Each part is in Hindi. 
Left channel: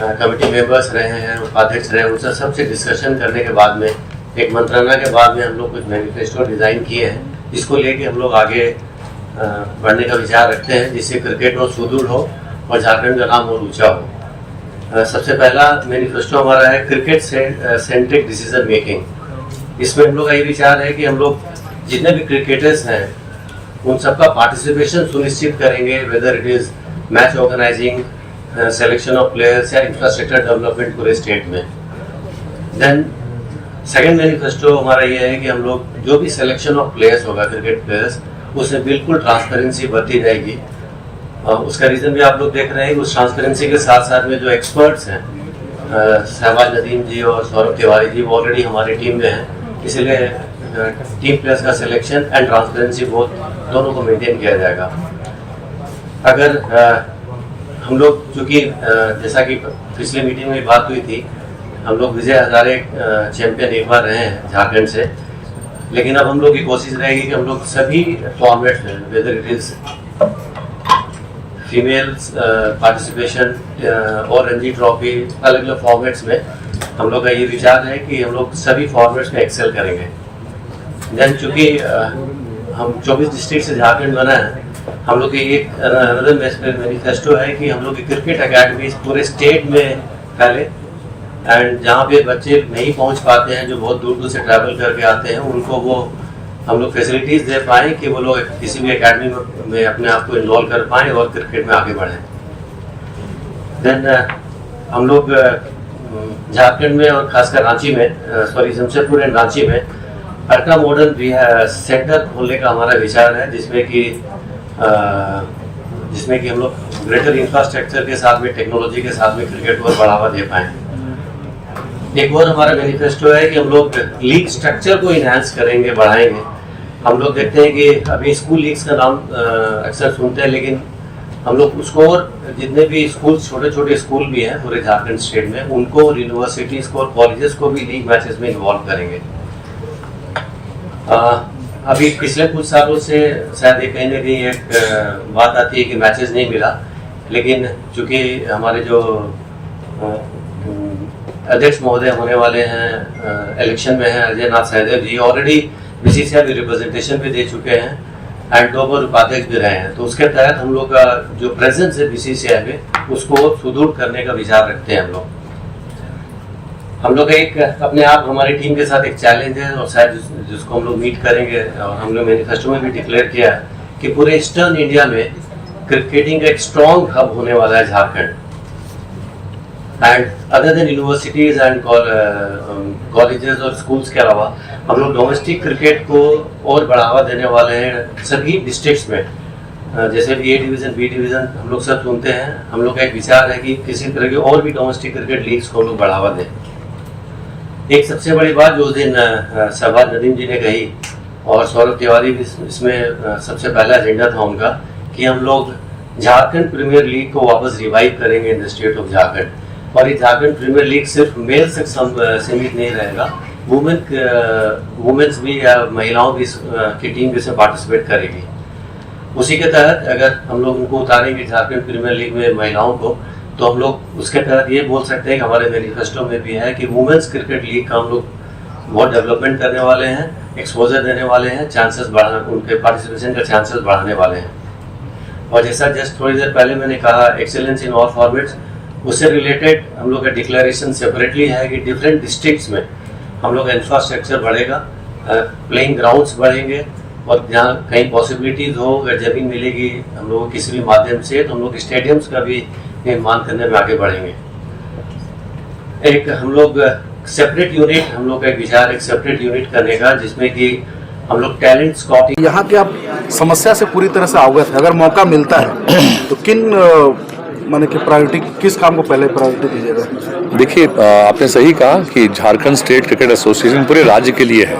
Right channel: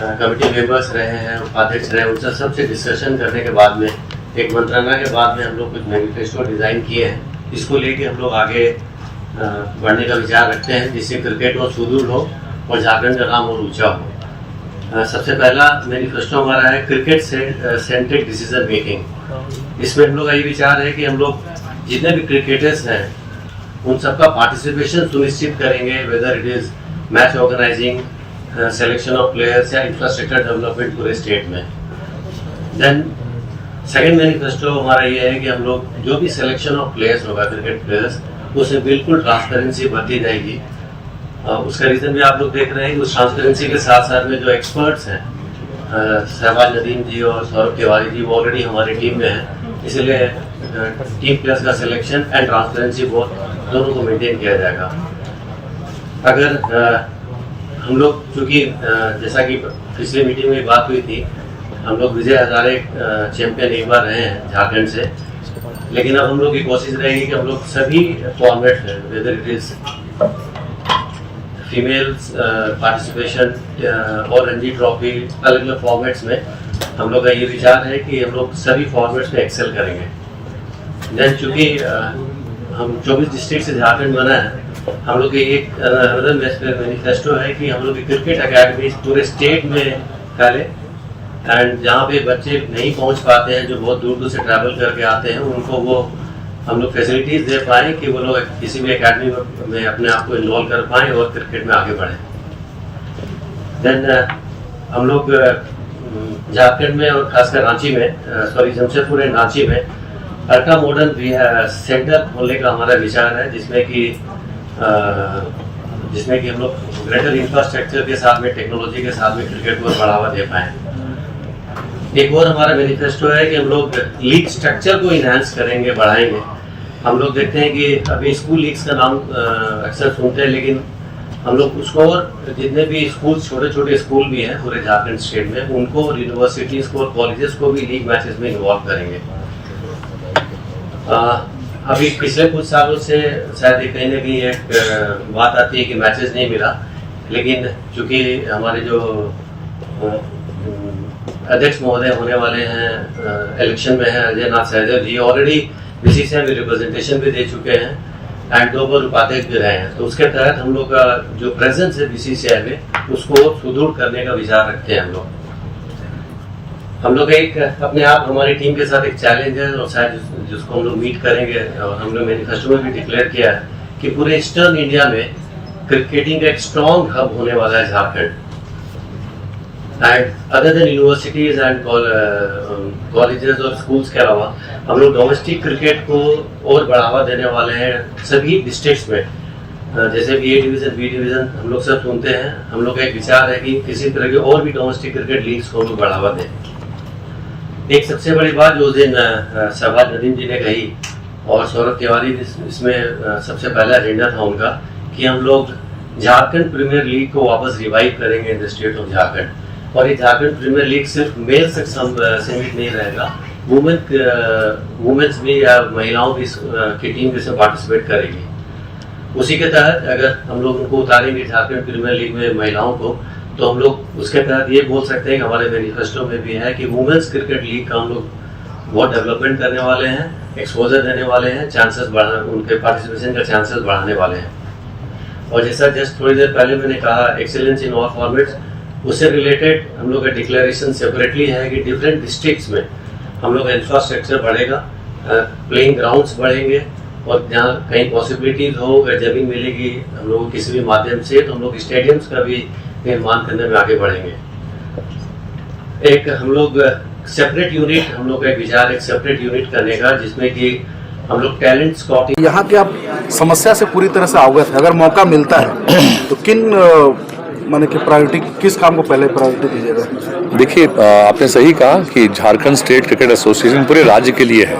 कमेटी मेंबर्स रहे हैं, उपाध्यक्ष रहे हैं, उनसे सबसे डिस्कशन करने के बाद में एक मंत्रणा के बाद में हम लोग कुछ मैनिफेस्टो डिज़ाइन किए हैं। इसको लेके हम लोग आगे बढ़ने का विचार रखते हैं, जिससे क्रिकेट और सुदृढ़ हो और झारखंड का नाम और ऊंचा हो। सबसे पहला मैनिफेस्टो हमारा है क्रिकेट सेंट्रिक डिसीजन मेकिंग। इसमें हम लोग का ये विचार है कि हम लोग जितने भी क्रिकेटर्स हैं उन सबका पार्टिसिपेशन सुनिश्चित करेंगे, whether it is match organizing, selection of players या इंफ्रास्ट्रक्चर डेवलपमेंट पूरे स्टेट में। देन सेकेंड मैनिफेस्टो हमारा ये है कि हम लोग जो भी सिलेक्शन ऑफ प्लेयर्स होगा, क्रिकेट प्लेयर्स, उसमें बिल्कुल ट्रांसपेरेंसी बरती जाएगी। उसका रीजन भी आप लोग देख रहे हैं कि उस ट्रांसपेरेंसी के साथ साथ में जो एक्सपर्ट्स हैं, शहबाज नदीम जी और सौरभ तिवारी जी, वो ऑलरेडी हमारी टीम में हैं। इसलिए टीम प्लेयर्स का सिलेक्शन एंड ट्रांसपेरेंसी दोनों को मेंटेन किया जाएगा। अगर हम लोग चूँकि जैसा कि पिछली मीटिंग में बात हुई थी, हम लोग विजय हजारे चैंपियन एक बार रहे हैं झारखंड से, लेकिन अब हम लोग की कोशिश रहेगी कि हम लोग सभी फॉर्मेट्स में, weather it is female participation और रणजी ट्रॉफी, अलग अलग फॉर्मेट्स में हम लोग का ये विचार है कि हम लोग सभी फॉर्मेट्स में एक्सेल करेंगे। देन चूँकि हम 24 डिस्ट्रिक्ट से झारखंड बना है, हम लोग की एक मैनिफेस्टो है कि हम लोग की क्रिकेट अकेडमी पूरे स्टेट में फैले, एंड जहाँ पे बच्चे नहीं पहुँच पाते हैं, जो बहुत दूर दूर से ट्रैवल करके आते हैं, उनको वो हम लोग फैसिलिटीज़ दे पाएँ कि वो लोग किसी भी एकेडमी में अपने आप को इन्वॉल्व कर पाएँ और क्रिकेट में आगे बढ़ें। देन हम लोग झारखंड में और खासकर रांची में, जमशेदपुर एंड रांची में अल्ट्रा मॉडर्न सेंटर खोलने का हमारा विचार है, जिसमें कि हम लोग ग्रेटर इंफ्रास्ट्रक्चर के साथ में, टेक्नोलॉजी के साथ में क्रिकेट को बढ़ावा दे पाएँ। एक और हमारा मैनिफेस्टो है कि हम लोग लीग स्ट्रक्चर को इनहांस करेंगे, बढ़ाएंगे। हम लोग देखते हैं कि अभी स्कूल लीग्स का नाम अक्सर सुनते हैं, लेकिन हम लोग उसको और जितने भी स्कूल, छोटे छोटे स्कूल भी हैं पूरे झारखंड स्टेट में, उनको और यूनिवर्सिटीज को और कॉलेजेस को भी लीग मैचेस में इन्वॉल्व करेंगे। अभी पिछले कुछ सालों से शायद कहीं ना कहीं एक बात आती है कि मैचेस नहीं मिला, लेकिन चूंकि हमारे जो अध्यक्ष महोदय होने वाले हैं इलेक्शन में हैं, अजय नाथ सहदेव जी, ऑलरेडी बीसीसीआई में रिप्रेजेंटेशन भी दे चुके हैं एंड 2 बार उपाध्यक्ष भी रहे हैं। तो उसके तहत हम लोग का जो प्रेजेंस है बीसीसीआई में, उसको सुदृढ़ करने का विचार रखते हैं। हम लोग एक अपने आप, हमारी टीम के साथ एक चैलेंज है, और शायद जिसको हम लोग मीट करेंगे, और हम लोग मैनिफेस्टो में भी डिक्लेयर किया है कि पूरे ईस्टर्न इंडिया में क्रिकेटिंग का एक स्ट्रॉन्ग हब होने वाला है Jharkhand. And other than universities and colleges और स्कूल्स के अलावा हम लोग डोमेस्टिक क्रिकेट को और बढ़ावा देने वाले हैं सभी डिस्ट्रिक्ट्स में। जैसे भी ए डिवीजन, बी डिवीजन हम लोग सब सुनते हैं, हम लोग का एक विचार है कि किसी तरह के और भी डोमेस्टिक क्रिकेट लीग्स को हम लोग बढ़ावा दें। एक सबसे बड़ी बात जो उस दिन शहबाज नदीम जी ने कही, और सौरभ तिवारी भी इसमें सबसे पहला एजेंडा था उनका, कि हम लोग झारखंड प्रीमियर लीग को वापस रिवाइव करेंगे in the state of Jharkhand. और ये झारखंड प्रीमियर लीग सिर्फ मेल से सीमित नहीं रहेगा, वुमेन्स भी या महिलाओं की टीम भी इसमें पार्टिसिपेट करेगी। उसी के तहत अगर हम लोग उनको उतारेंगे झारखंड प्रीमियर लीग में महिलाओं को, तो हम लोग उसके तहत ये बोल सकते हैं कि हमारे मैनिफेस्टो में भी है कि वुमेन्स क्रिकेट लीग का हम लोग बहुत डेवलपमेंट करने वाले हैं, एक्सपोजर देने वाले हैं, चांसेस बढ़ाने, उनके पार्टिसिपेशन का चांसेस बढ़ाने वाले हैं। और जैसा जस्ट थोड़ी देर पहले मैंने कहा, एक्सेलेंस इन ऑल फॉर्मेट्स, उससे रिलेटेड हम लोग का डिक्लेरेशन सेपरेटली है कि डिफरेंट डिस्ट्रिक्ट्स में हम लोग का इंफ्रास्ट्रक्चर बढ़ेगा, प्लेइंग ग्राउंड्स बढ़ेंगे, और जहाँ कहीं पॉसिबिलिटीज हो, अगर जमीन मिलेगी हम लोगों को किसी भी माध्यम से, तो हम लोग स्टेडियम्स का भी निर्माण करने में आगे बढ़ेंगे। एक हम लोग सेपरेट यूनिट, हम लोग का एक विचार, एक सेपरेट यूनिट करने का, जिसमें कि हम लोग टैलेंट स्काउटिंग। यहाँ की आप समस्या से पूरी तरह से अवगत है, अगर मौका मिलता है तो किन माने कि प्रायोरिटी, किस काम को पहले प्रायोरिटी दीजिएगा? देखिए, आपने सही कहा कि झारखंड स्टेट क्रिकेट एसोसिएशन पूरे राज्य के लिए है।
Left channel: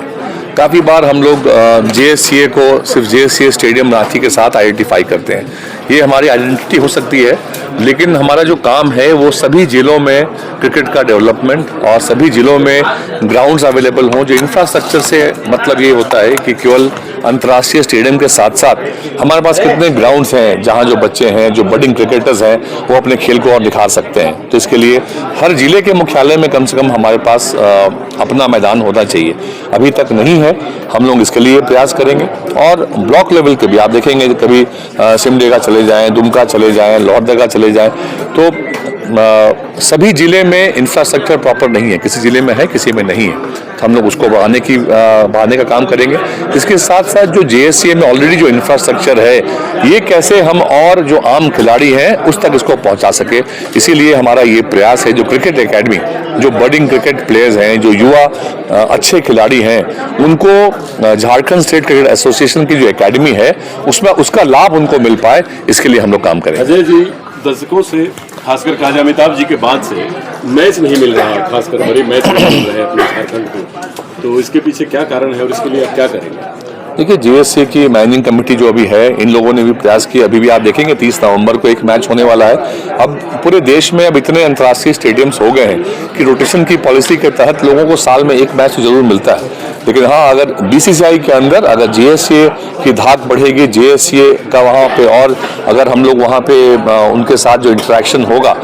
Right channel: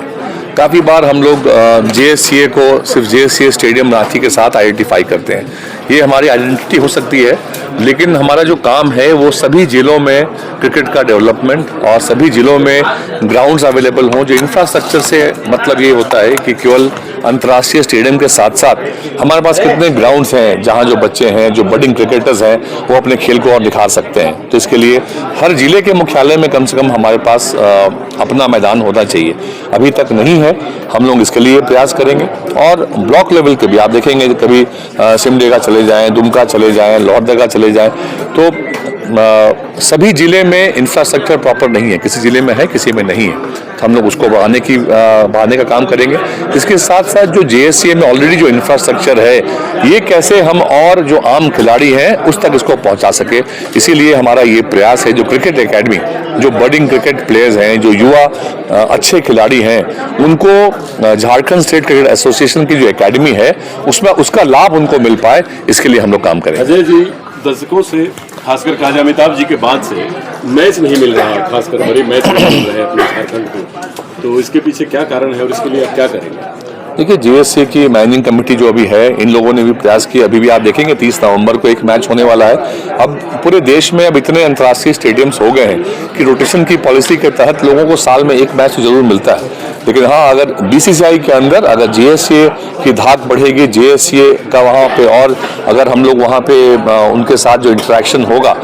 काफ़ी बार हम लोग जेएससीए को सिर्फ जेएससीए स्टेडियम रांची के साथ आइडेंटिफाई करते हैं। ये हमारी आइडेंटिटी हो सकती है, लेकिन हमारा जो काम है वो सभी जिलों में क्रिकेट का डेवलपमेंट और सभी जिलों में ग्राउंड्स अवेलेबल हों। जो इंफ्रास्ट्रक्चर से मतलब ये होता है कि केवल अंतर्राष्ट्रीय स्टेडियम के साथ साथ हमारे पास कितने ग्राउंड्स हैं जहां जो बच्चे हैं, जो बडिंग क्रिकेटर्स हैं, वो अपने खेल को और दिखा सकते हैं। तो इसके लिए हर जिले के मुख्यालय में कम से कम हमारे पास अपना मैदान होना चाहिए। अभी तक नहीं है, हम लोग इसके लिए प्रयास करेंगे। और ब्लॉक लेवल के भी आप देखेंगे, कभी सिमडेगा चले जाएं, दुमका चले जाएं, लोहरदगा चले जाएं, तो सभी जिले में इंफ्रास्ट्रक्चर प्रॉपर नहीं है, किसी जिले में है, किसी में नहीं है। तो हम लोग उसको बढ़ाने का काम करेंगे। इसके साथ साथ जो JSCA में ऑलरेडी जो इंफ्रास्ट्रक्चर है, ये कैसे हम और जो आम खिलाड़ी हैं उस तक इसको पहुंचा सके, इसीलिए हमारा ये प्रयास है। जो क्रिकेट एकेडमी, जो बडिंग क्रिकेट प्लेयर्स हैं, जो युवा अच्छे खिलाड़ी हैं, उनको झारखंड स्टेट क्रिकेट एसोसिएशन की जो एकेडमी है उसमें उसका लाभ उनको मिल पाए, इसके लिए हम लोग काम करेंगे। अजय जी, दशकों से खासकर ख्वाजा अमिताभ जी के बाद से मैच नहीं मिल रहा है, खासकर बड़े मैच नहीं मिल रहे हैं अपने झारखंड को, तो इसके पीछे क्या कारण है और इसके लिए आप क्या करेंगे? देखिए, JSCA की मैनेजिंग कमेटी जो अभी है, इन लोगों ने भी प्रयास किया। अभी भी आप देखेंगे 30 नवंबर को एक मैच होने वाला है। अब पूरे देश में अब इतने अंतर्राष्ट्रीय स्टेडियम्स हो गए हैं कि रोटेशन की पॉलिसी के तहत लोगों को साल में एक मैच जरूर मिलता है। लेकिन हाँ, अगर BCCI के अंदर अगर JSCA की धाक बढ़ेगी, JSCA का वहाँ पे, और अगर हम लोग वहाँ पे उनके साथ जो इंटरेक्शन होगा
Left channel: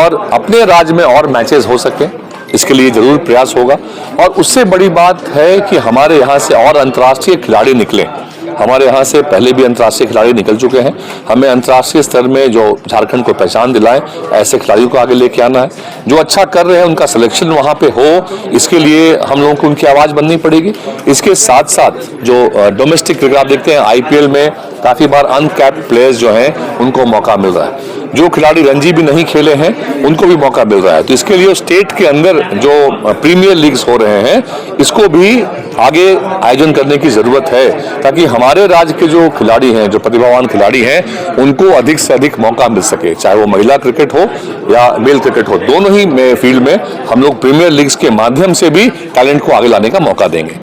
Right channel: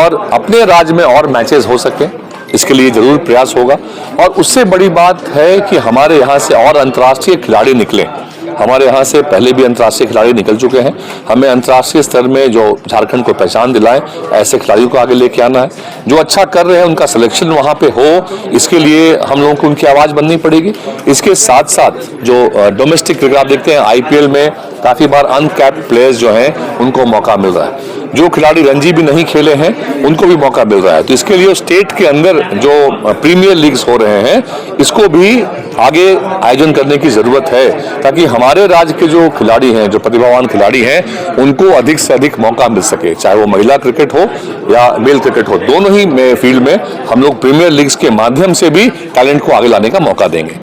और अपने राज्य में और मैचेस हो सकें, इसके लिए जरूर प्रयास होगा। और उससे बड़ी बात है कि हमारे यहाँ से और अंतर्राष्ट्रीय खिलाड़ी निकलें। हमारे यहाँ से पहले भी अंतर्राष्ट्रीय खिलाड़ी निकल चुके हैं। हमें अंतर्राष्ट्रीय स्तर में जो झारखंड को पहचान दिलाएं, ऐसे खिलाड़ियों को आगे लेके आना है। जो अच्छा कर रहे हैं उनका सिलेक्शन वहाँ पे हो, इसके लिए हम लोगों को उनकी आवाज़ बननी पड़ेगी। इसके साथ साथ जो डोमेस्टिक क्रिकेट आप देखते हैं, IPL में काफ़ी बार अनकैप्ड प्लेयर्स जो हैं उनको मौका मिल रहा है। जो खिलाड़ी रणजी भी नहीं खेले हैं उनको भी मौका मिल रहा है। तो इसके लिए स्टेट के अंदर जो प्रीमियर लीग्स हो रहे हैं, इसको भी आगे आयोजन करने की ज़रूरत है, ताकि हमारे राज्य के जो खिलाड़ी हैं, जो प्रतिभावान खिलाड़ी हैं, उनको अधिक से अधिक मौका मिल सके। चाहे वो महिला क्रिकेट हो या मेल क्रिकेट हो, दोनों ही फील्ड में हम लोग प्रीमियर लीग्स के माध्यम से भी टैलेंट को आगे लाने का मौका देंगे।